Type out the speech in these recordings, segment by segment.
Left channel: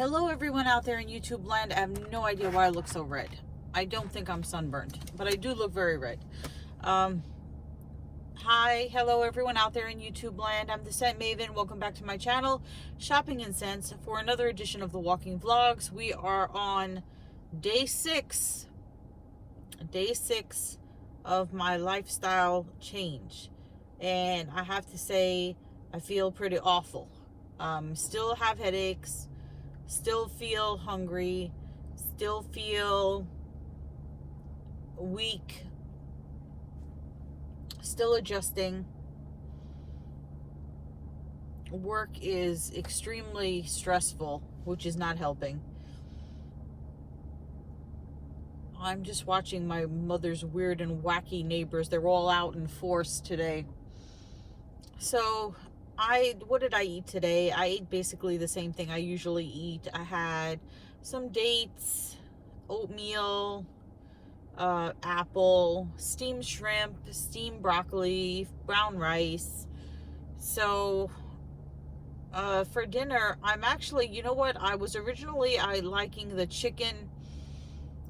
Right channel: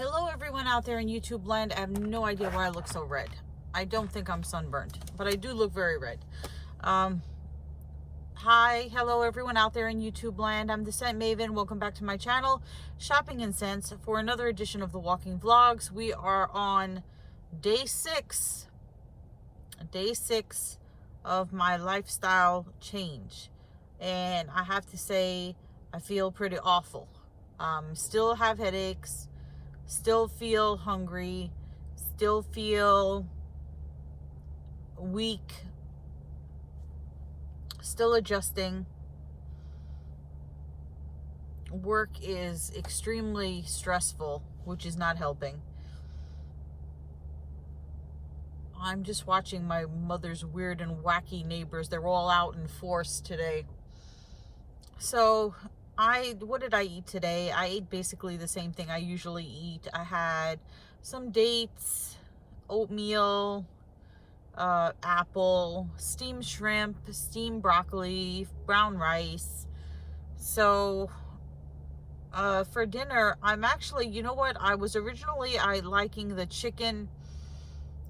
Hello everyone out there in YouTube land. I have no idea why I look so red. I don't think I'm sunburned, but I do look very red. Hi, hello everyone out there in YouTube land. I'm the Scent Maven. Welcome back to my channel, Shopping and Scents, for another edition of the Walking Vlogs. We are on day six of my lifestyle change, and I have to say I feel pretty awful. Still have headaches, still feel hungry, still feel weak, still adjusting. Work is extremely stressful, which is not helping. I'm just watching my mother's weird and wacky neighbors. They're all out in force today. So what did I eat today? I ate basically the same thing I usually eat. I had some dates, oatmeal, apple, steamed shrimp, steamed broccoli, brown rice. So for dinner, I'm actually, you know what? I liking the chicken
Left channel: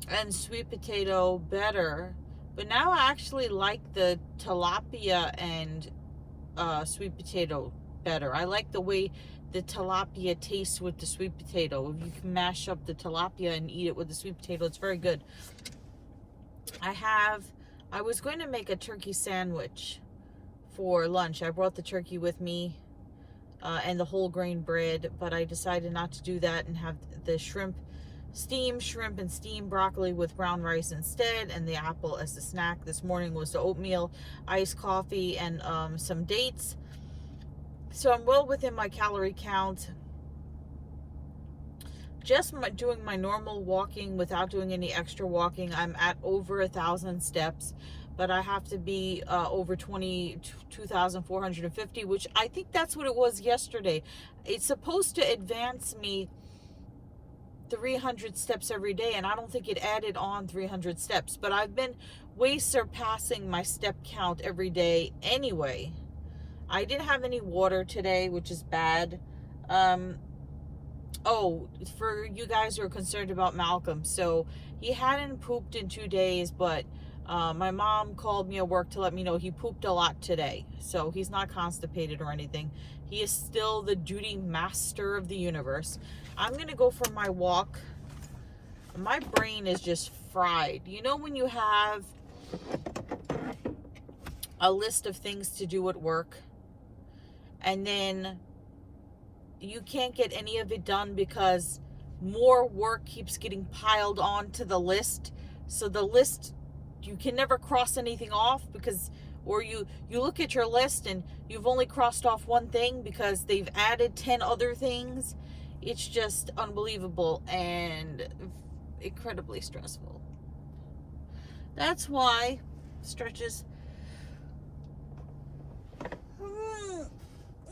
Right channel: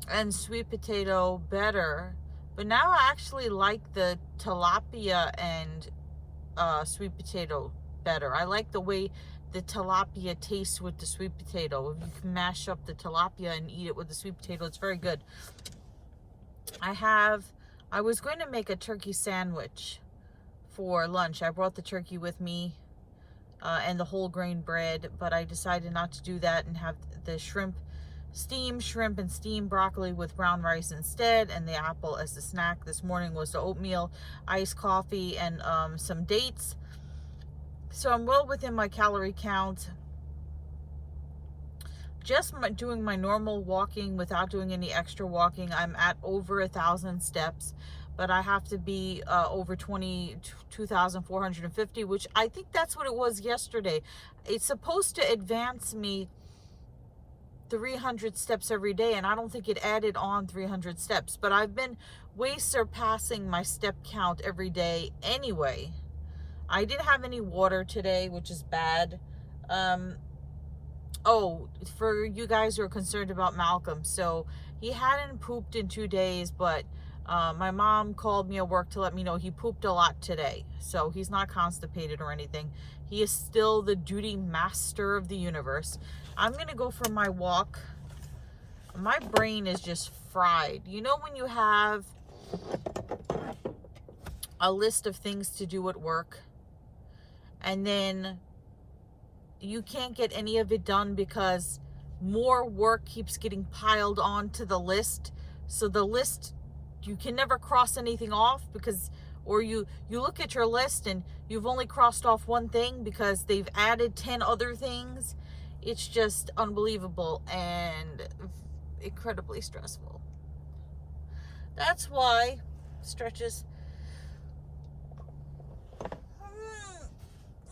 and sweet potato better, but now I actually like the tilapia and sweet potato better. I like the way the tilapia tastes with the sweet potato. If you can mash up the tilapia and eat it with the sweet potato, it's very good. I was going to make a turkey sandwich for lunch. I brought the turkey with me and the whole grain bread, but I decided not to do that and have the steamed shrimp and steamed broccoli with brown rice instead, and the apple as the snack. This morning was the oatmeal, iced coffee, and some dates. So I'm well within my calorie count. Just doing my normal walking without doing any extra walking, I'm at over 1,000 steps, but I have to be over 22,450, which I think that's what it was yesterday. It's supposed to advance me 300 steps every day, and I don't think it added on 300 steps, but I've been way surpassing my step count every day anyway. I didn't have any water today, which is bad. Oh, for you guys who are concerned about Malcolm, so he hadn't pooped in 2 days, but my mom called me at work to let me know he pooped a lot today. So he's not constipated or anything. He is still the duty master of the universe. I'm gonna go for my walk. My brain is just fried. You know when you have a list of things to do at work, and then you can't get any of it done because more work keeps getting piled on to the list. So the list, you can never cross anything off because, or you look at your list and you've only crossed off one thing because they've added 10 other things. It's just unbelievable and incredibly stressful. That's why stretches.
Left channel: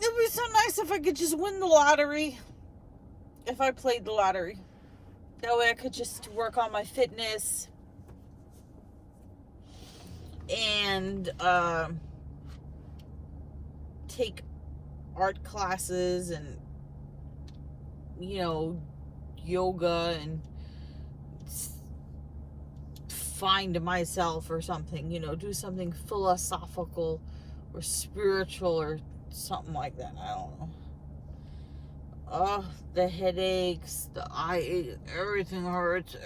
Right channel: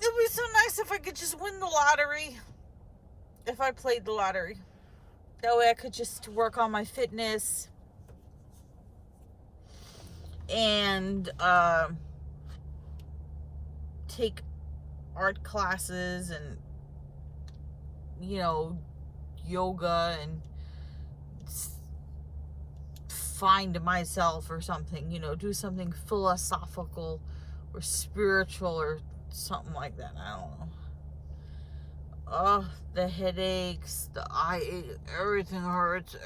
It would be so nice if I could just win the lottery. If I played the lottery. That way I could just work on my fitness and take art classes and, you know, yoga and find myself or something, you know, do something philosophical or spiritual or something like that. I don't know. Oh, the headaches, the eye, everything hurts.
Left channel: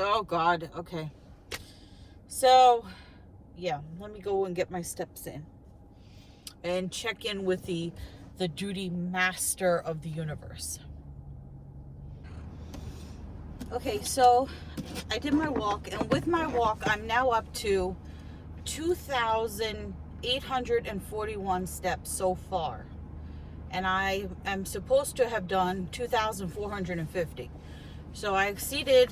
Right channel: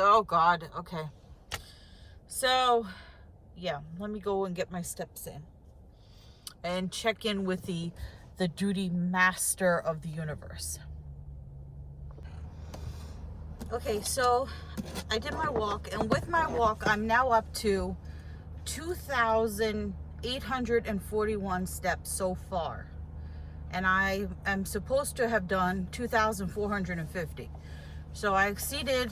Oh God. Okay. So yeah, let me go and get my steps in and check in with the duty master of the universe. Okay, so I did my walk, and with my walk I'm now up to 2,841 steps so far, and I am supposed to have done 2,450. So I exceeded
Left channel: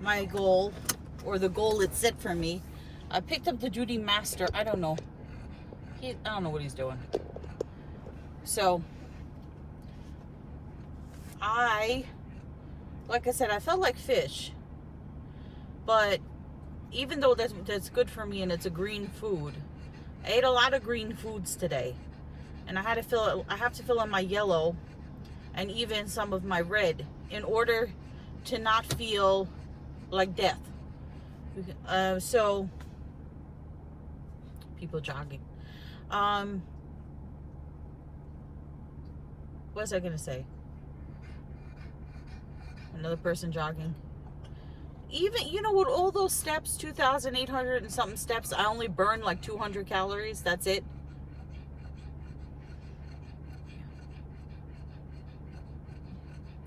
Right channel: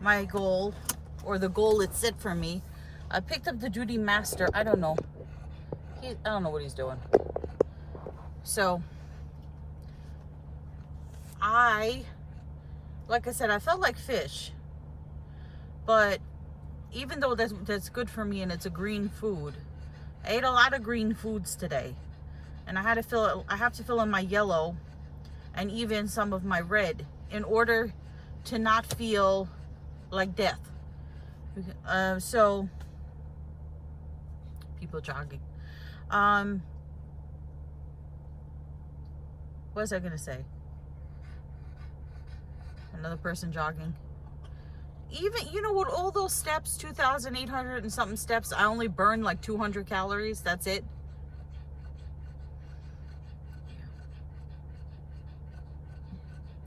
my goal, or the goal it set for me. I picked up the duty master. I don't know what he's doing. So like I said, I felt like fish, but even though that's good for me and it's a green food, I ate a lot of green foods today, and I have to fill in my yellow and even some of my red in order to not feel like death. So people jogging. What was I gonna say? Another person jogging. Even, you know, with all those steps, 2,800 and something steps, I only burn like 200 calories. That's it.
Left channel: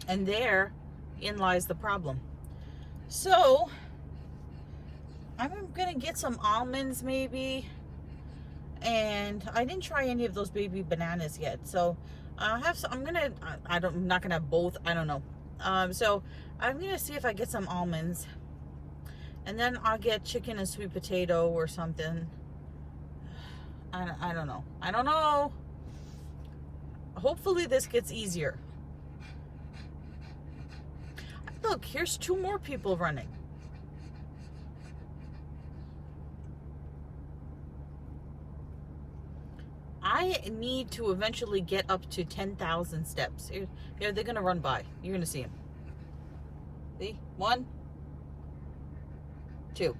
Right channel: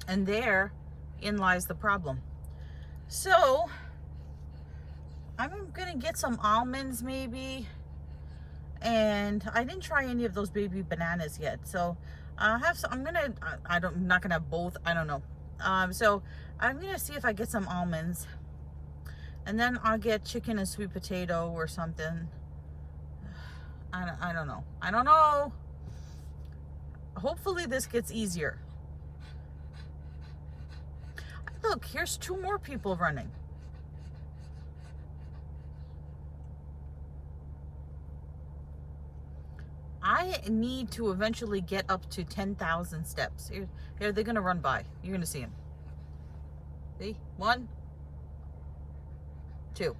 And therein lies the problem. So I'm gonna get some almonds maybe, and I didn't try any of those baby bananas yet. So I'm not gonna have both. I don't know. So I'm gonna see if I get some almonds, and then I'll get chicken and sweet potato or something. I don't know. Hopefully this gets easier. Look, here's 2 more people running. I need to eventually get up to 10,000 steps. Here, they're gonna run by. You're gonna see them. See? 1, 2.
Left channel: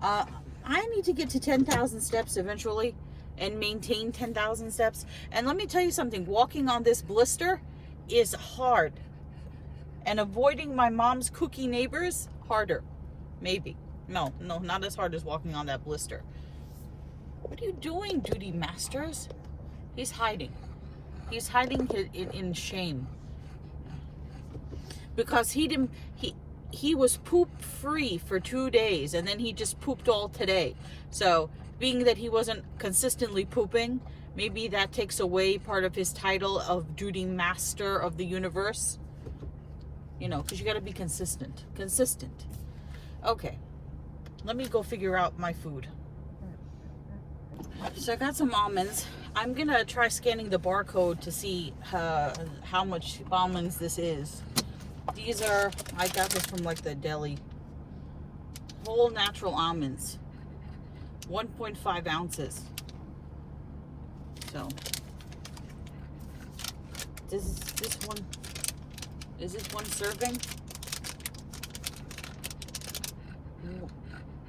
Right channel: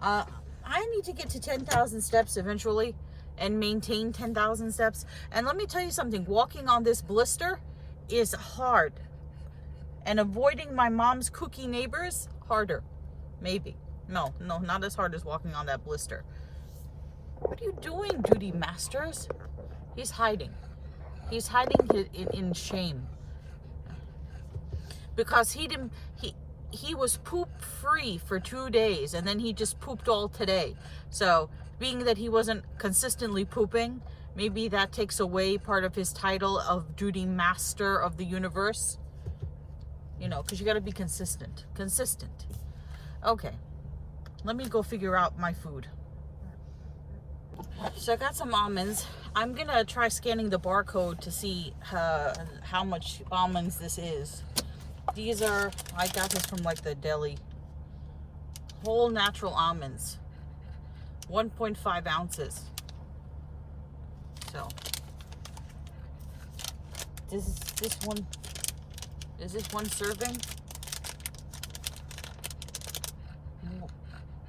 I need to get to 10,000 steps eventually and maintain 10,000 steps. And let me tell you something, walking on this blister is hard. And avoiding my mom's cookie neighbors, harder. Maybe. No, not as hard as walking on that blister. What are you doing, Duty Masters? He's hiding. He's hiding in shame. Because he was poop free for 2 days, and then he just pooped all today. So being that he wasn't consistently pooping, maybe that takes away part of his title of Duty Master of the Universe. You know, because you got to be consistent. Okay, let me go figure out my food. So I got some almonds. I'm gonna try scanning the barcode to see how much almonds this is. These are, I got this from like the deli. Whole natural almonds, 1.5 ounces. So is this one serving?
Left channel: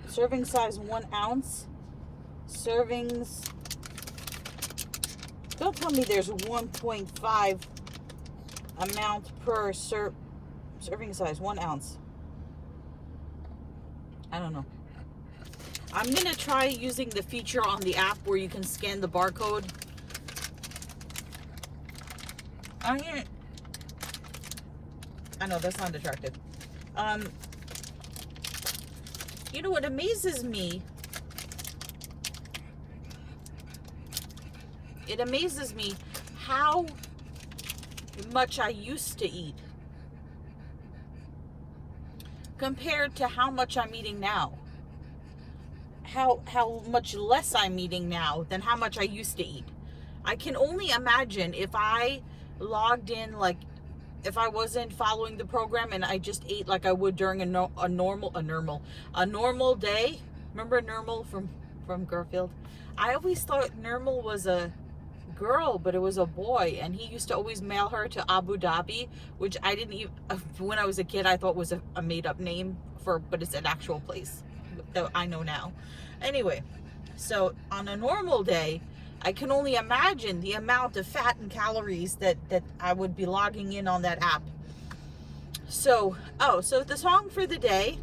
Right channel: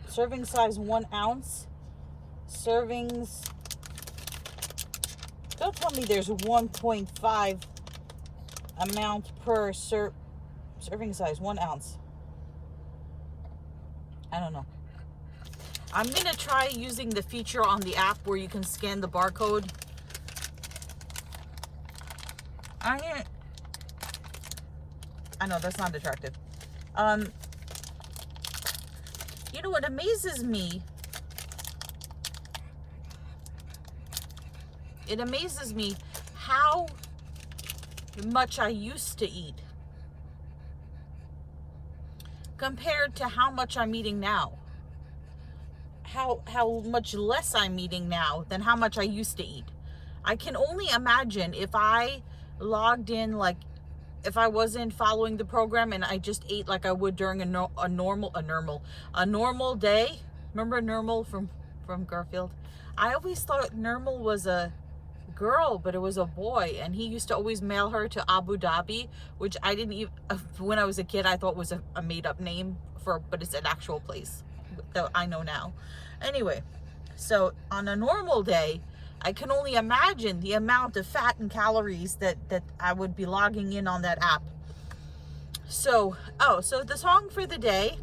Serving size 1 ounce. Servings. Don't tell me there's 1.5 amount per serving size, 1 ounce. I don't know. I'm gonna try using the feature on the app where you can scan the barcode. I know that's not attractive. You know what amazes me? It amazes me how much I used to eat compared to how much I'm eating now. How much less I'm eating now than how much I used to eat. I can only imagine if I logged in, like if I wasn't following the program and I just ate like I would during a normal day. Remember Nermal from Garfield? I always thought Nermal was a girl, but it was a boy, and he used to always mail her to Abu Dhabi, which I didn't even, when I was a kid, I thought was a made-up name but it's an actual place that I know now. Anyway, so on a normal day, I can only imagine the amount of fat and calories that I would be logging in on that app. So the song for the day,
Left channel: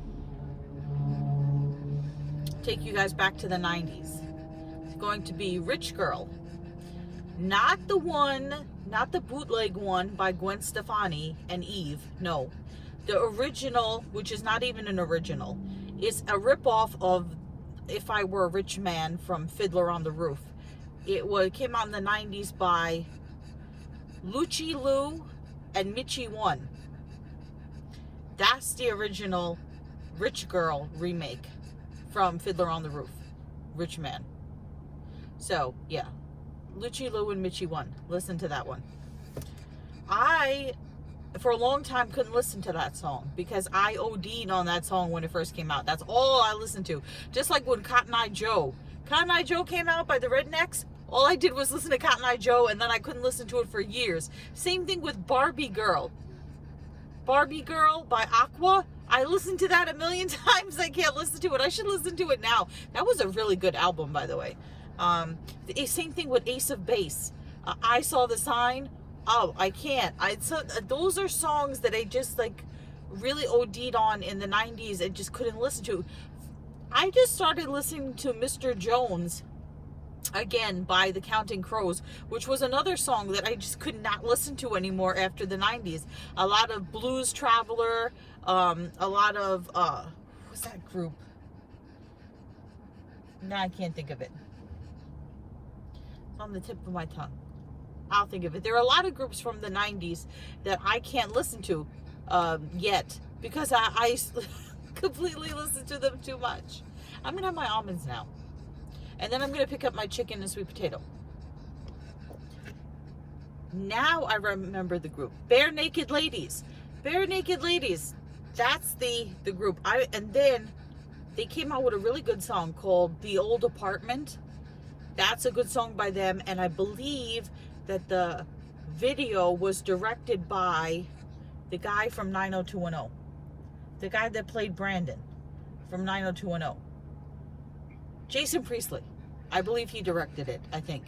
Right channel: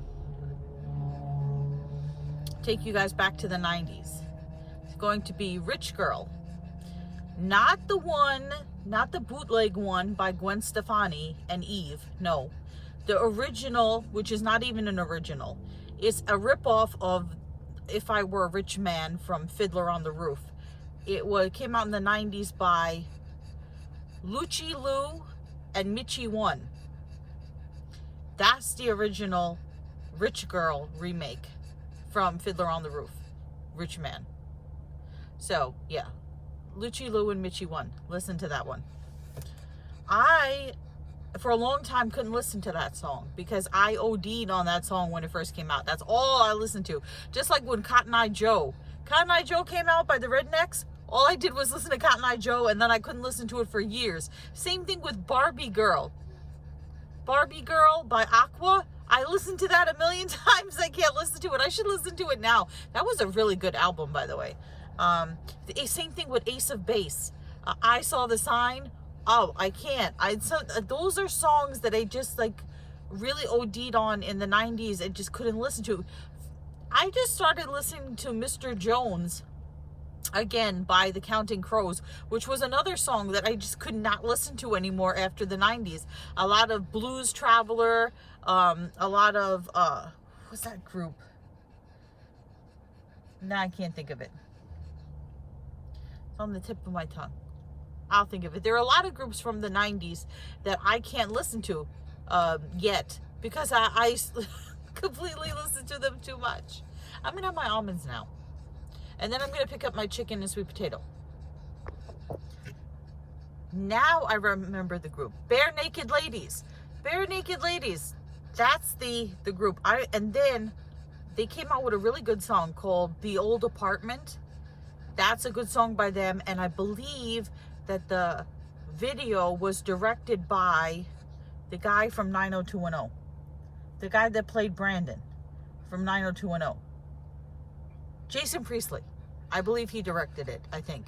take you guys back to the 90s. It's going to be Rich Girl. Not the bootleg one by Gwen Stefani and Eve. No. The original, which is not even an original. It's a ripoff of If I Were a Rich Man from Fiddler on the Roof. It came out in the 90s by Lucci Lou and Mitchie One. That's the original Rich Girl remake from Fiddler on the Roof. Rich Man. So, yeah. Lucci Lou and Mitchie One. Listen to that one. I, for a long time, couldn't listen to that song because I OD'd on that song when it first came out. That's all I listened to. Just like when Cotton Eye Joe came out by the Rednecks. All I did was listen to Cotton Eye Joe, and then I couldn't listen to it for years. Same thing with Barbie Girl. Barbie Girl by Aqua. I listened to that a million times. I can't listen to it. I should listen to it now. That was a really good album, by the way. Same thing with Ace of Base. I Saw the Sign. Oh, I can't. Those are songs that I just like really OD'd on in the 90s and just couldn't listen to. I just started listening to Mr. Jones again by the Counting Crows, which was another song that I just could not listen to anymore after the 90s. A lot of Blues Traveler, a lot of what's that group? Now I can't think of it. It's on the tip of my tongue. I'll think of it. There are a lot of groups from the 90s that I can't listen to yet because I completely listen to them too much. I'm gonna have my almonds now. And then I'm going to pick up my chicken and sweet potato. Now I remember the group. Bare Naked Ladies. Bare Naked Ladies. That's the group. And then they came out with a really good song called The Old Apartment. That's a good song by them. And I believe that the video was directed by the guy from 90210. The guy that played Brandon from 90210. Jason Priestley. I believe he directed it, I think.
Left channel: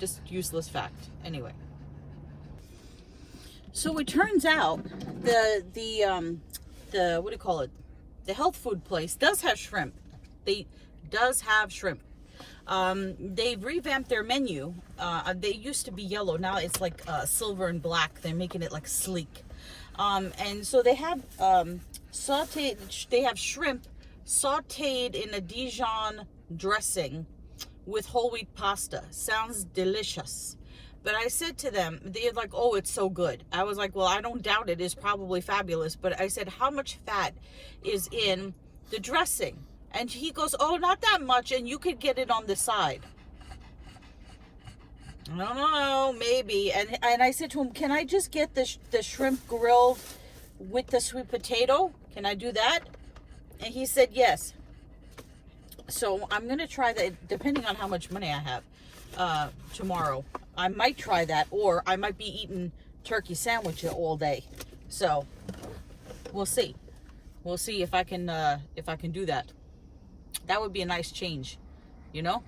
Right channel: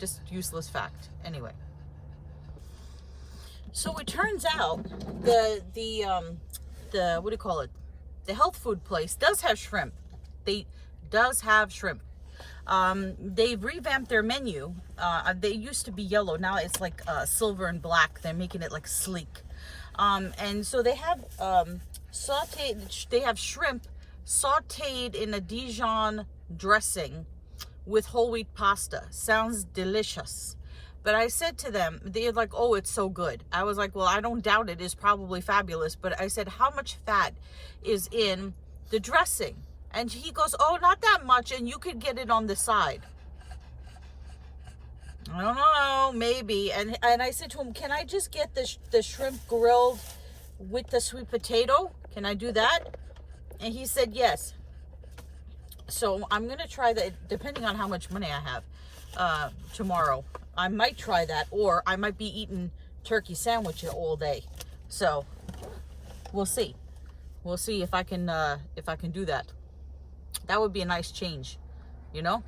Just useless fact. Anyway. So it turns out the what do you call it? The health food place does have shrimp. Does have shrimp. They've revamped their menu. They used to be yellow. Now it's like silver and black. They're making it like sleek. And so they have sauteed. They have shrimp sauteed in a Dijon dressing with whole wheat pasta. Sounds delicious. But I said to them, they're like, oh, it's so good. I was like, well, I don't doubt it. It's probably fabulous. But I said, how much fat is in the dressing? And he goes, oh, not that much. And you could get it on the side. I don't know, maybe. And I said to him, can I just get the shrimp grilled with the sweet potato? Can I do that? And he said yes. So I'm going to try that, depending on how much money I have tomorrow. I might try that, or I might be eating turkey sandwiches all day. So we'll see. We'll see if I can do that. That would be a nice change, you know?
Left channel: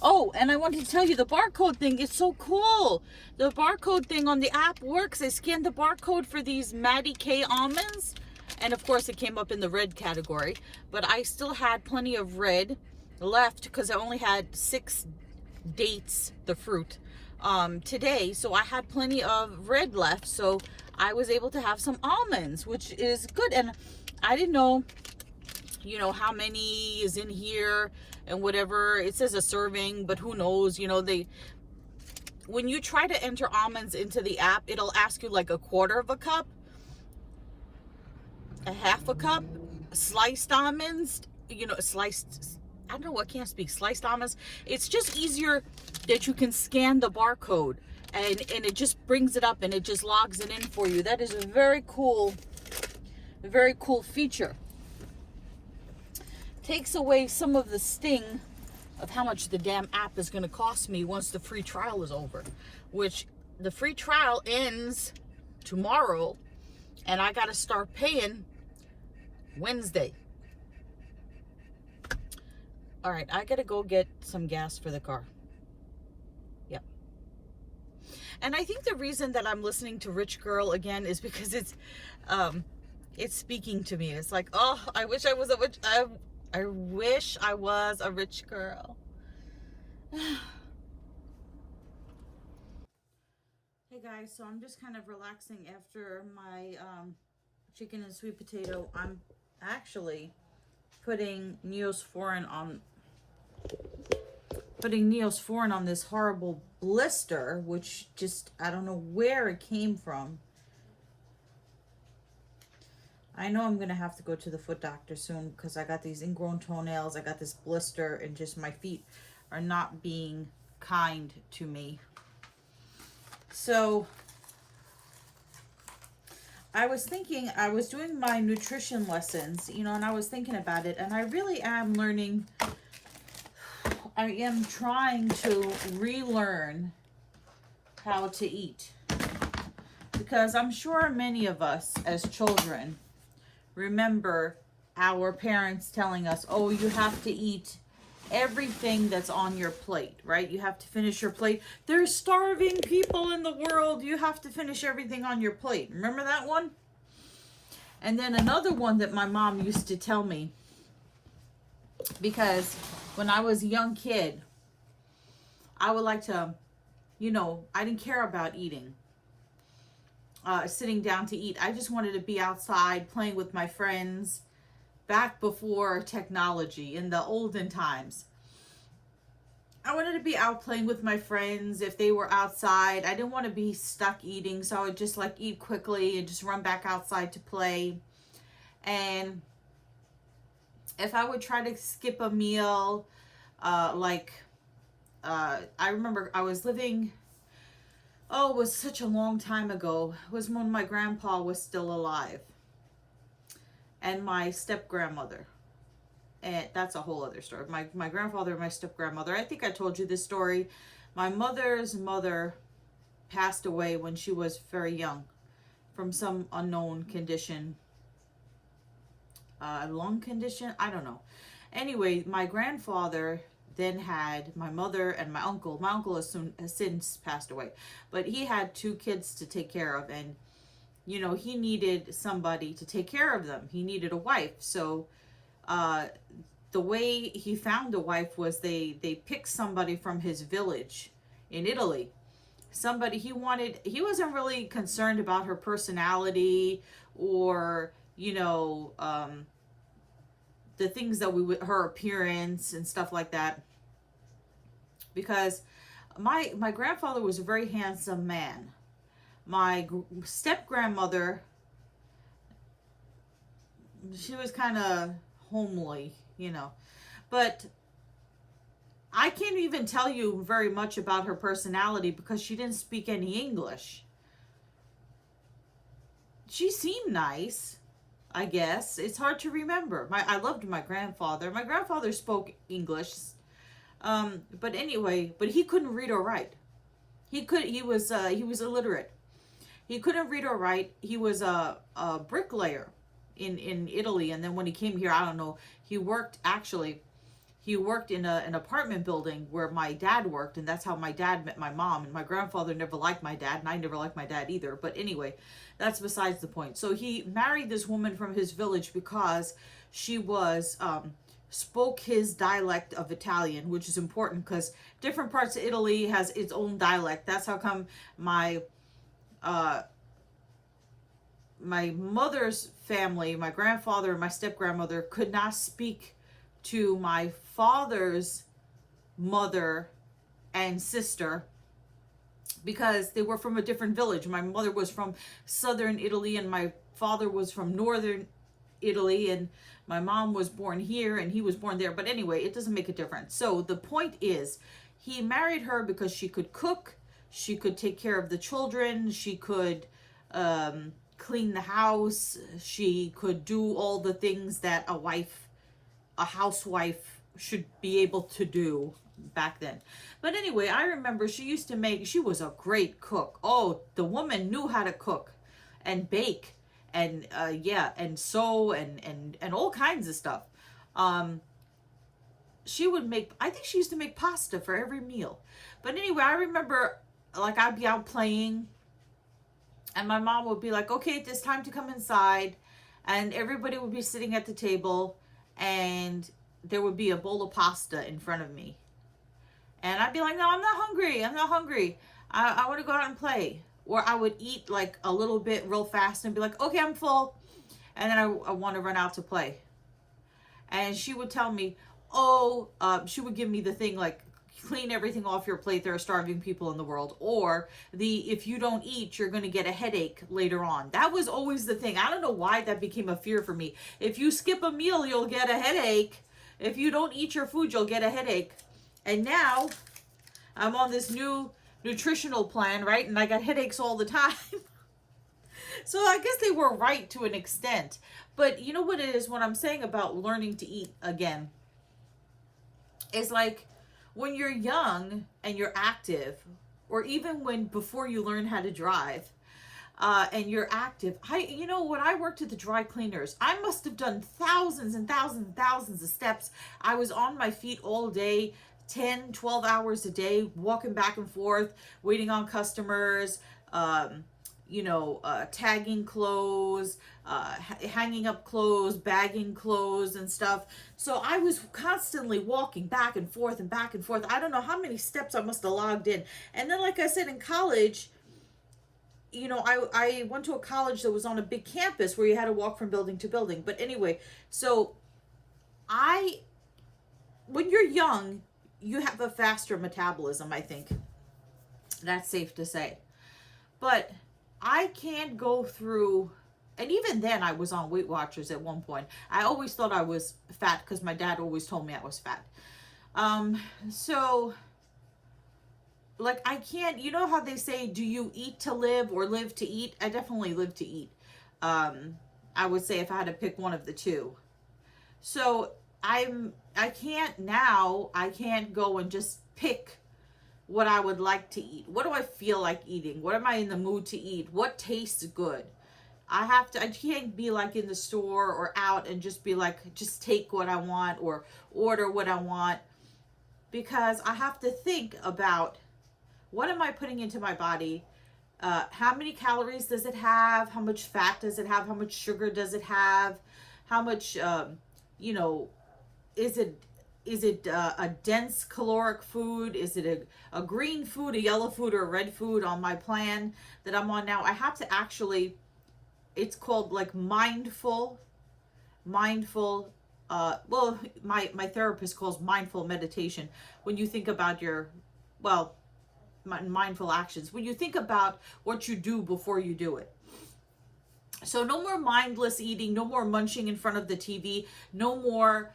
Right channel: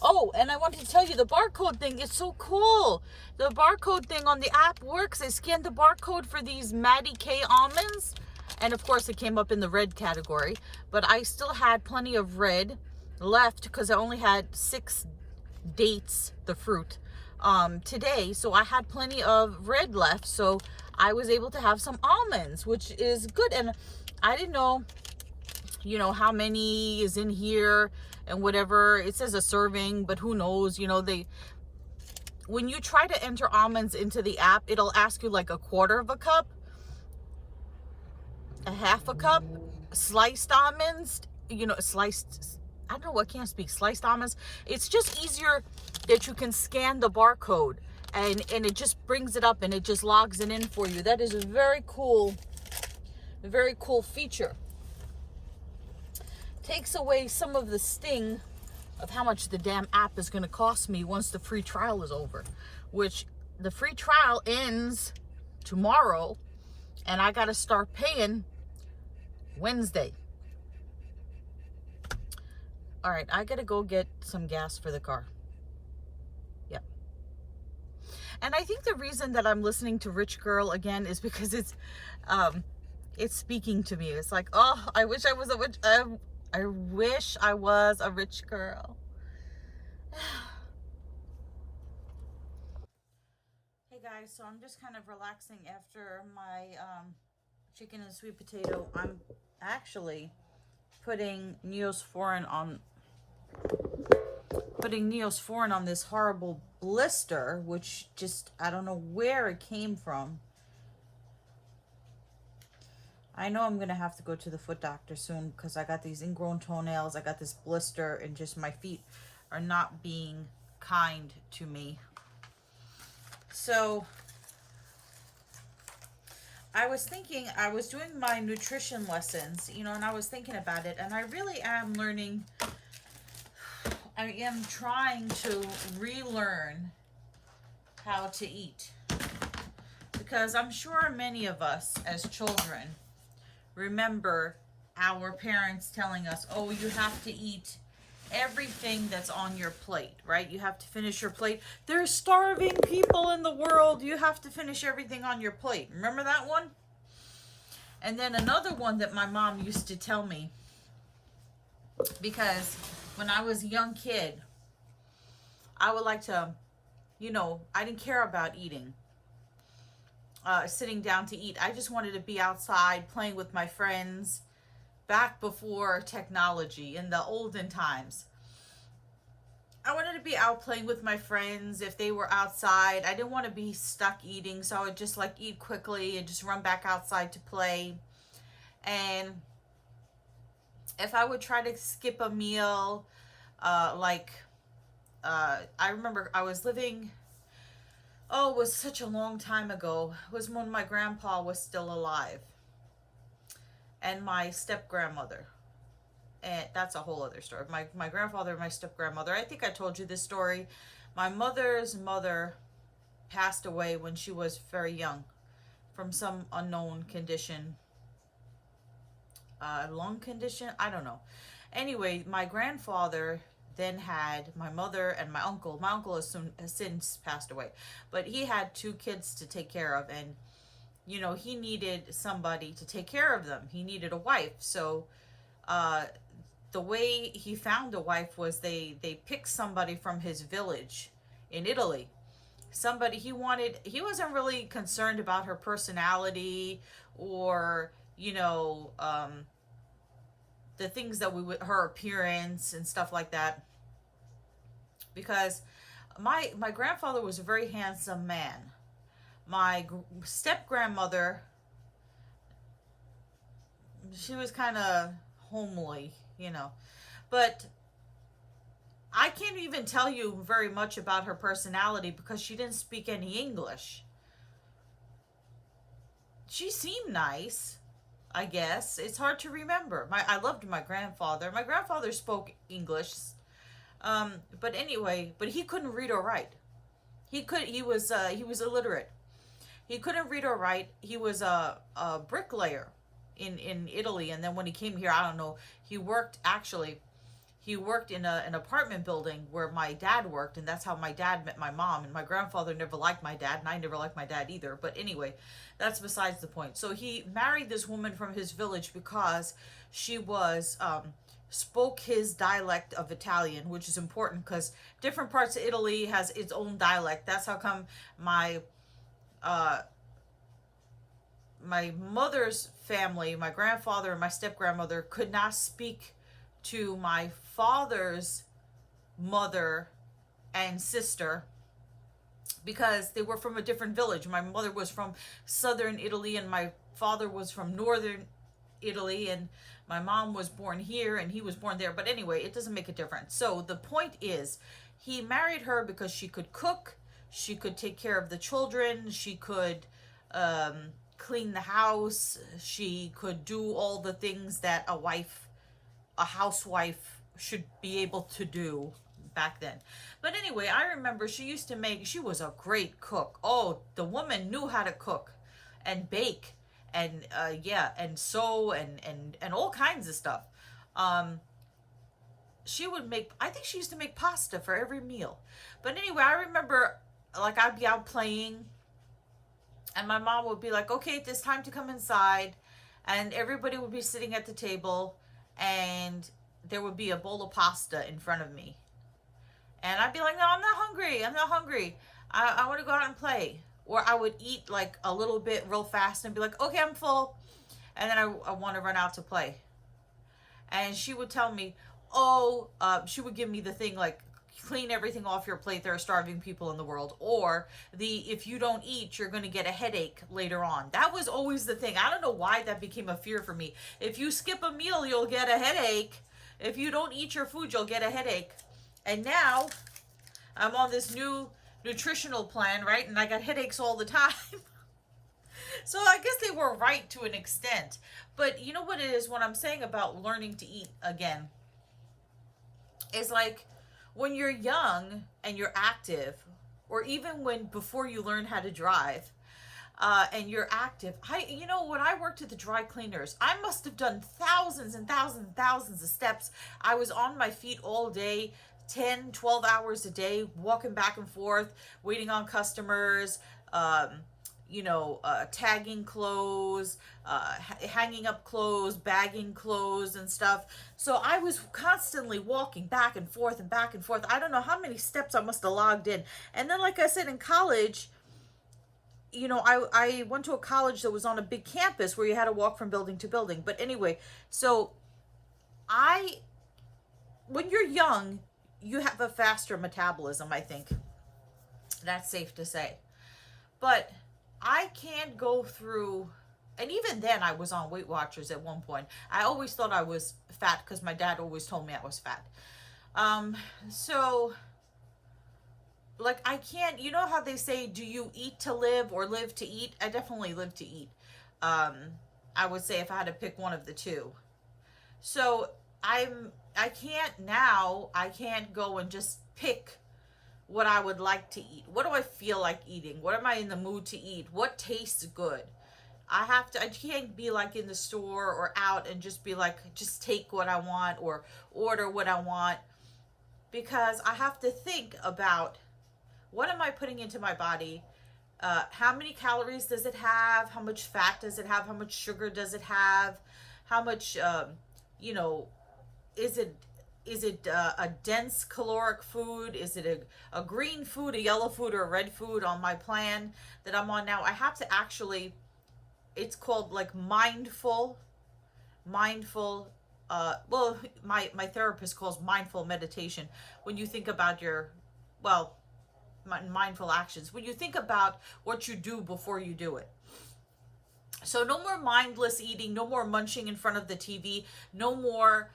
Oh, and I wanted to tell you, the barcode thing is so cool. The barcode thing on the app works. I scanned the barcode for these Maddie K almonds. And of course, it came up in the red category. But I still had plenty of red left because I only had 6 dates, the fruit, today. So I had plenty of red left. So I was able to have some almonds, which is good. And I didn't know, you know, how many is in here and whatever. It says a serving, but who knows, you know, when you try to enter almonds into the app, it'll ask you like a quarter of a cup, a half a cup, sliced almonds, you know, I don't know, I can't speak, sliced almonds. It's just easier that you can scan the barcode and it just brings it up and it just logs it in for you. That is a very cool feature. Takes away some of the sting of how much the damn app is going to cost me once the free trial is over, which the free trial ends tomorrow and I got to start paying Wednesday. All right, I got to go get some gas for the car. Yeah. And I think the reason that I'm listening to Rich Girl again is because it's speaking to me. It's like, oh, I wish I was a witch. I wish I was a rich girl. Hey guys, so I'm just kind of relaxing after my chicken and sweet potato. I'm actually putting Neosporin on this horrible blister, which just, I don't know where it came from. I know I'm going to have to go to the foot doctor soon because I got these ingrown toenails. I got this blister and just my feet are not being kind to me. So I was thinking, I was doing my nutrition lessons, you know, and I was thinking about it, and I really am learning I am trying to relearn how to eat, because I'm sure many of us as children remember our parents telling us, oh, you have to eat everything that's on your plate, right? You have to finish your plate. There's starving people in the world. You have to finish everything on your plate. Remember that one? And then another one that my mom used to tell me, because when I was a young kid, I would like to, I didn't care about eating, sitting down to eat. I just wanted to be outside playing with my friends back before technology, in the olden times. I wanted to be out playing with my friends if they were outside. I didn't want to be stuck eating, so I would just like eat quickly and just run back outside to play. And if I would try to skip a meal, I remember I was living, it was such a long time ago. It was when my grandpa was still alive, and my step-grandmother. And that's a whole other story. My grandfather and my step-grandmother, I think I told you this story. My mother's mother passed away when she was very young from some unknown condition. Lung condition? I don't know. Anyway, my grandfather then had my mother and my uncle. My uncle has since passed away. But he had 2 kids to take care of. And, he needed somebody to take care of them. He needed a wife. So, the way he found a wife was they picked somebody from his village in Italy. Somebody he wasn't really concerned about her personality or, the things that her appearance and stuff like that. Because my grandfather was a very handsome man. My step-grandmother, she was kind of homely, but I can't even tell you very much about her personality because she didn't speak any English. She seemed nice, I guess. It's hard to remember. I loved my grandfather. My grandfather spoke English, but anyway, but he couldn't read or write. He was illiterate. He couldn't read or write. He was a bricklayer in Italy, and then when he came here, I don't know, he worked in an apartment building where my dad worked, and that's how my dad met my mom. And my grandfather never liked my dad, and I never liked my dad either. But anyway, that's besides the point. So he married this woman from his village because she was spoke his dialect of Italian, which is important because different parts of Italy has its own dialect. That's how come my mother's family, my grandfather and my step-grandmother, could not speak to my father's mother and sister because they were from a different village. My mother was from southern Italy and my father was from northern Italy, and my mom was born here and he was born there. But anyway, it doesn't make a difference. So the point is, he married her because she could cook, she could take care of the children, she could clean the house, she could do all the things that a housewife should be able to do back then. But anyway, I remember she was a great cook. Oh, the woman knew how to cook and bake and and sew and all kinds of stuff. I think she used to make pasta for every meal. But anyway, I remember like I'd be out playing and my mom would be like, okay, it's time to come inside, and everybody would be sitting at the table and there would be a bowl of pasta in front of me. And I'd be like, no, I'm not hungry. I want to go out and play. Or I would eat like a little bit real fast and be like, okay, I'm full. And then I want to run out to play. And she would tell me, she would give me the thing like, clean everything off your plate. There are starving people in the world. Or if you don't eat, you're going to get a headache later on. That was always the thing. I don't know why that became a fear for me. If you skip a meal, you'll get a headache. If you don't eat your food, you'll get a headache. And now I'm on this new nutritional plan, right? And I got headaches all the time. So I guess they were right to an extent. But you know what it is, what I'm saying about learning to eat again, is like when you're young and you're active, or even before you learn how to drive, and you're active. When I worked at the dry cleaners, I must have done thousands and thousands and thousands of steps. I was on my feet all day, 10, 12 hours a day, walking back and forth, waiting on customers, tagging clothes, hanging up clothes, bagging clothes and stuff. So I was constantly walking back and forth and back and forth. I don't know how many steps I must have logged in. And then, like I said, in college, I went to a college that was on a big campus where you had to walk from building to building. But anyway, so when you're young, you have a faster metabolism, I think. That's safe to say. But I can't go through, and even then I was on Weight Watchers at one point. I always thought I was fat because my dad always told me I was fat. So like, I can't, you know how they say, do you eat to live or live to eat? I definitely live to eat. I would say if I had to pick one of the two. So I can't go and just pick what I would like to eat. What do I feel like eating? What am I in the mood to eat? What tastes good? I can't be like in the store or out and just be like, just take what I want or order what I want, because I have to think about, what am I putting into my body? How many calories does it have? How much fat does it have? How much sugar does it have? How much, is it a dense caloric food? Is it a green food, a yellow food, or a red food on my plan that I'm on now? I have to actually, it's called like mindful, my therapist calls mindful meditation. When you think about mindful actions, when you think about what you do before you do it. So no more mindless eating, no more munching in front of the TV, no more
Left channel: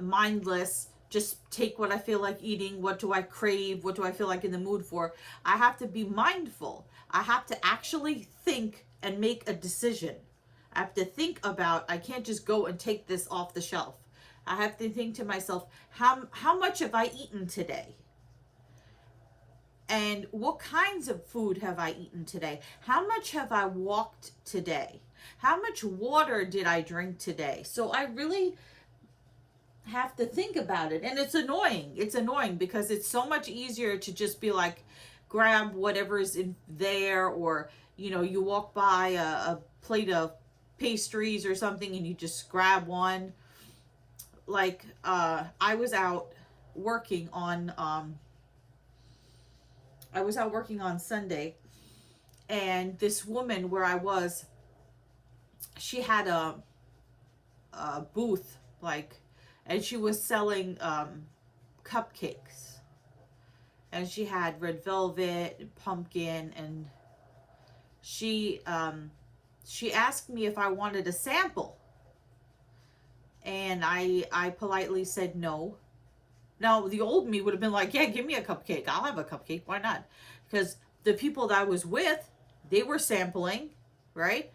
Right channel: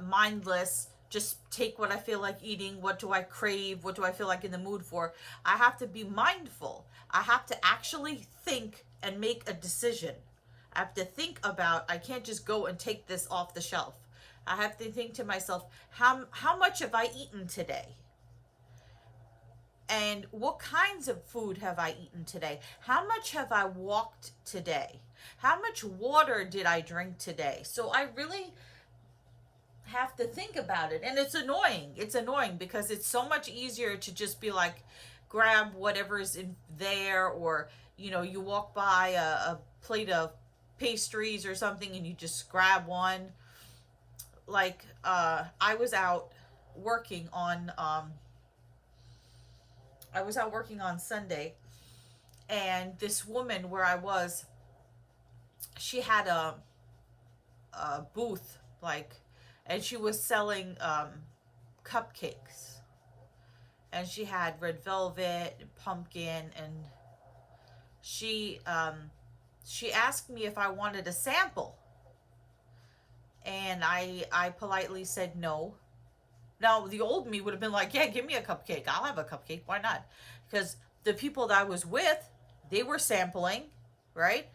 mindless, just take what I feel like eating, what do I crave, what do I feel like in the mood for. I have to be mindful. I have to actually think and make a decision. I have to think about, I can't just go and take this off the shelf. I have to think to myself, how much have I eaten today? And what kinds of food have I eaten today? How much have I walked today? How much water did I drink today? So I really have to think about it. And it's annoying. It's annoying because it's so much easier to just be like, grab whatever's in there, or, you walk by a plate of pastries or something and you just grab one. Like, I was out working on Sunday, and this woman where I was, she had a booth, and she was selling cupcakes, and she had red velvet and pumpkin, and she asked me if I wanted a sample, and I politely said no. Now, the old me would have been like, yeah, give me a cupcake. I'll have a cupcake. Why not? Because the people that I was with, they were sampling, right?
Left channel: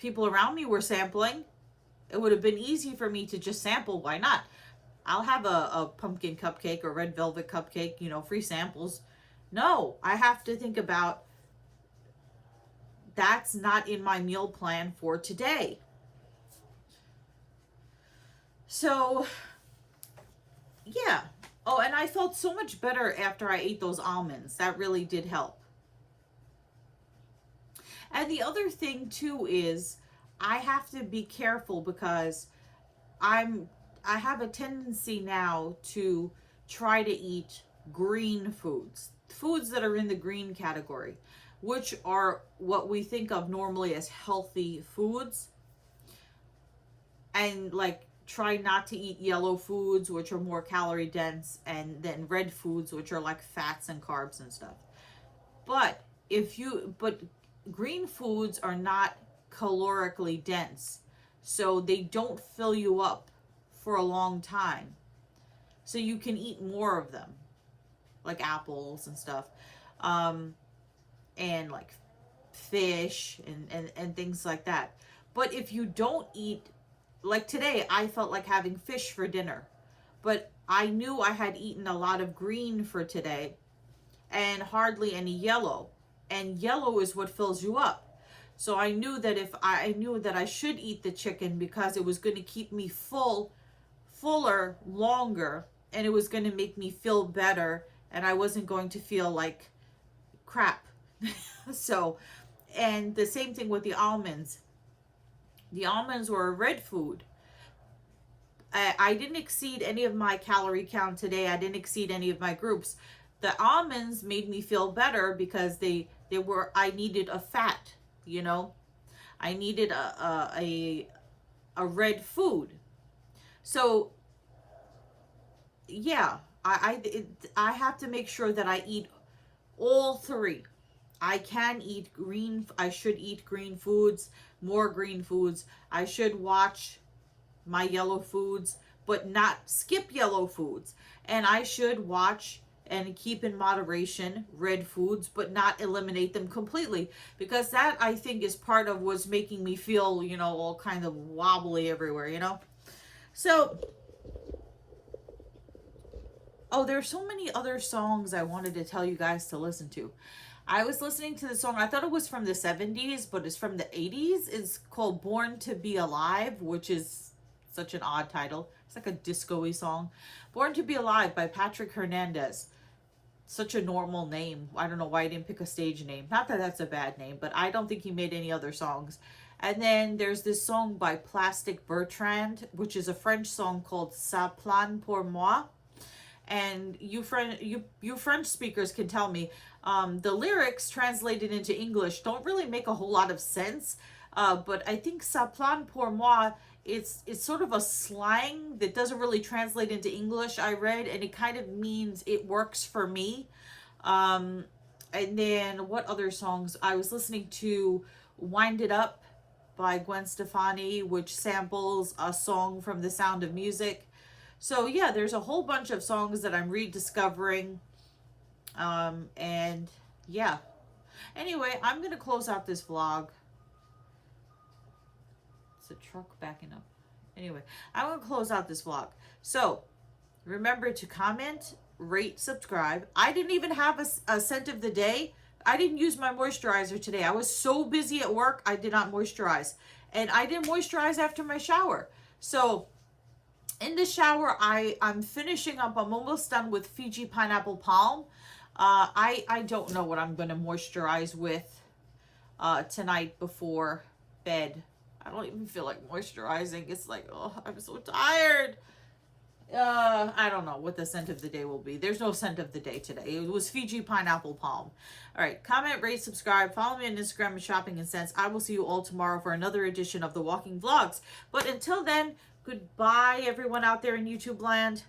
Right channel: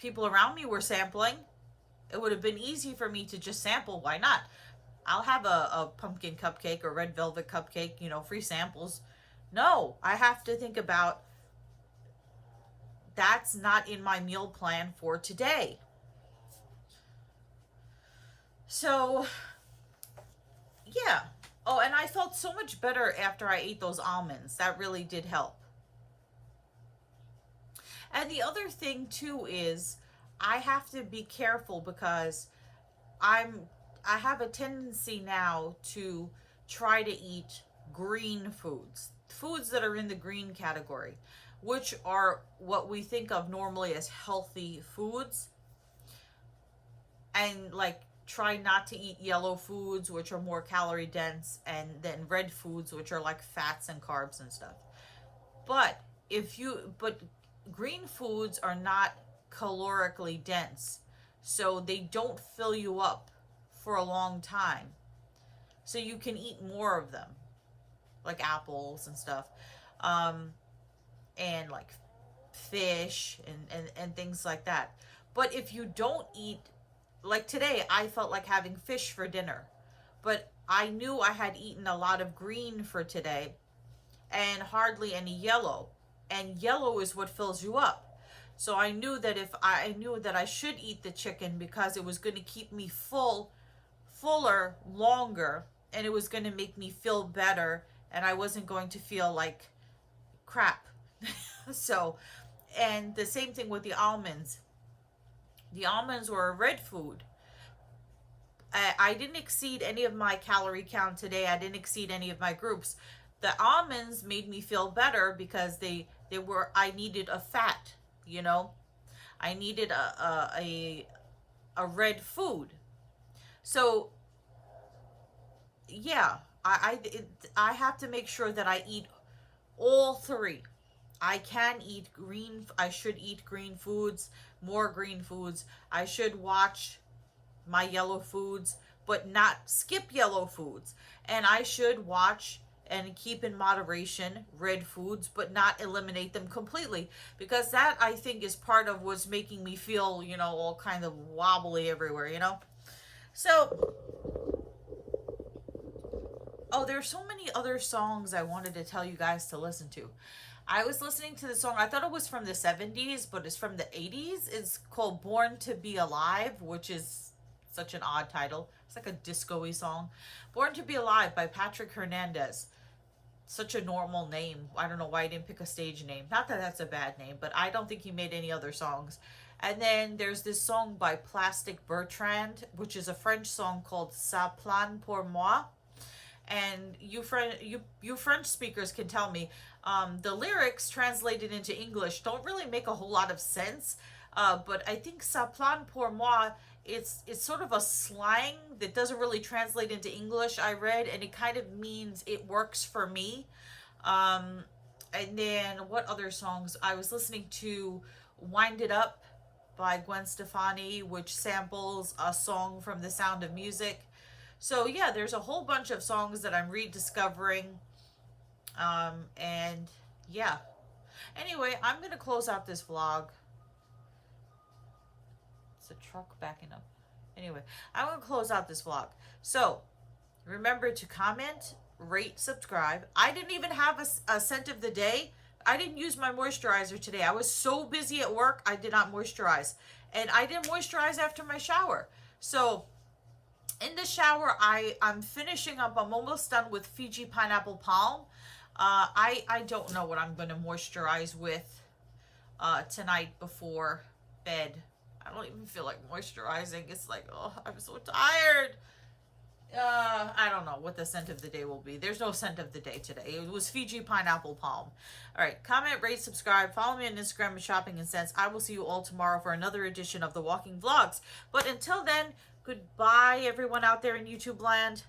People around me were sampling. It would have been easy for me to just sample. Why not? I'll have a pumpkin cupcake or red velvet cupcake, free samples. No, I have to think about, that's not in my meal plan for today. So, yeah. Oh, and I felt so much better after I ate those almonds. That really did help. And the other thing too is, I have to be careful because I have a tendency now to try to eat green foods that are in the green category, which are what we think of normally as healthy foods. And try not to eat yellow foods, which are more calorie dense, and then red foods, which are like fats and carbs and stuff. But green foods are not calorically dense, so they don't fill you up for a long time. So you can eat more of them, like apples and stuff, and like fish and things like that. But if you don't eat, like today, I felt like having fish for dinner, but I knew I had eaten a lot of green for today and hardly any yellow. And yellow is what fills you up. So I knew that I should eat the chicken because it was going to keep me fuller longer, and it was going to make me feel better, and I wasn't going to feel like crap. So, and the same thing with the almonds. The almonds were a red food. I didn't exceed any of my calorie count today. I didn't exceed any of my groups. The almonds made me feel better because I needed a fat, you know. I needed a red food. So yeah, I have to make sure that I eat all three. I should eat green foods, more green foods. I should watch my yellow foods, but not skip yellow foods. And I should watch and keep in moderation red foods, but not eliminate them completely, because that, I think, is part of what's making me feel, you know, all kind of wobbly everywhere, you know. So, oh, there's so many other songs I wanted to tell you guys to listen to. I was listening to the song, I thought it was from the 70s, but it's from the 80s. It's called Born to Be Alive, which is such an odd title. It's like a disco-y song. Born to Be Alive by Patrick Hernandez. Such a normal name. I don't know why he didn't pick a stage name. Not that that's a bad name, but I don't think he made any other songs. And then there's this song by Plastic Bertrand, which is a French song called Ça plane pour moi. And you French speakers can tell me, the lyrics translated into English don't really make a whole lot of sense. But I think Ça plane pour moi, it's sort of a slang that doesn't really translate into English, I read, and it kind of means it works for me. And then what other songs? I was listening to Wind It Up by Gwen Stefani, which samples a song from The Sound of Music. So yeah, there's a whole bunch of songs that I'm rediscovering. And yeah. Anyway, I'm going to close out this vlog. It's a truck backing up. Anyway, I want to close out this vlog. So remember to comment, rate, subscribe. I didn't even have a scent of the day. I didn't use my moisturizer today. I was so busy at work, I did not moisturize. And I didn't moisturize after my shower. So in the shower, I'm finishing up. I'm almost done with Fiji Pineapple Palm. I don't know what I'm going to moisturize with tonight before bed. I don't even feel like moisturizing. It's like, oh, I'm so tired. I don't know what the scent of the day will be. There's no scent of the day today. It was Fiji Pineapple Palm. All right, comment, rate, subscribe, follow me on Instagram at Shopping and Sense. I will see you all tomorrow for another edition of the Walking Vlogs. But until then, goodbye, everyone out there in YouTube land.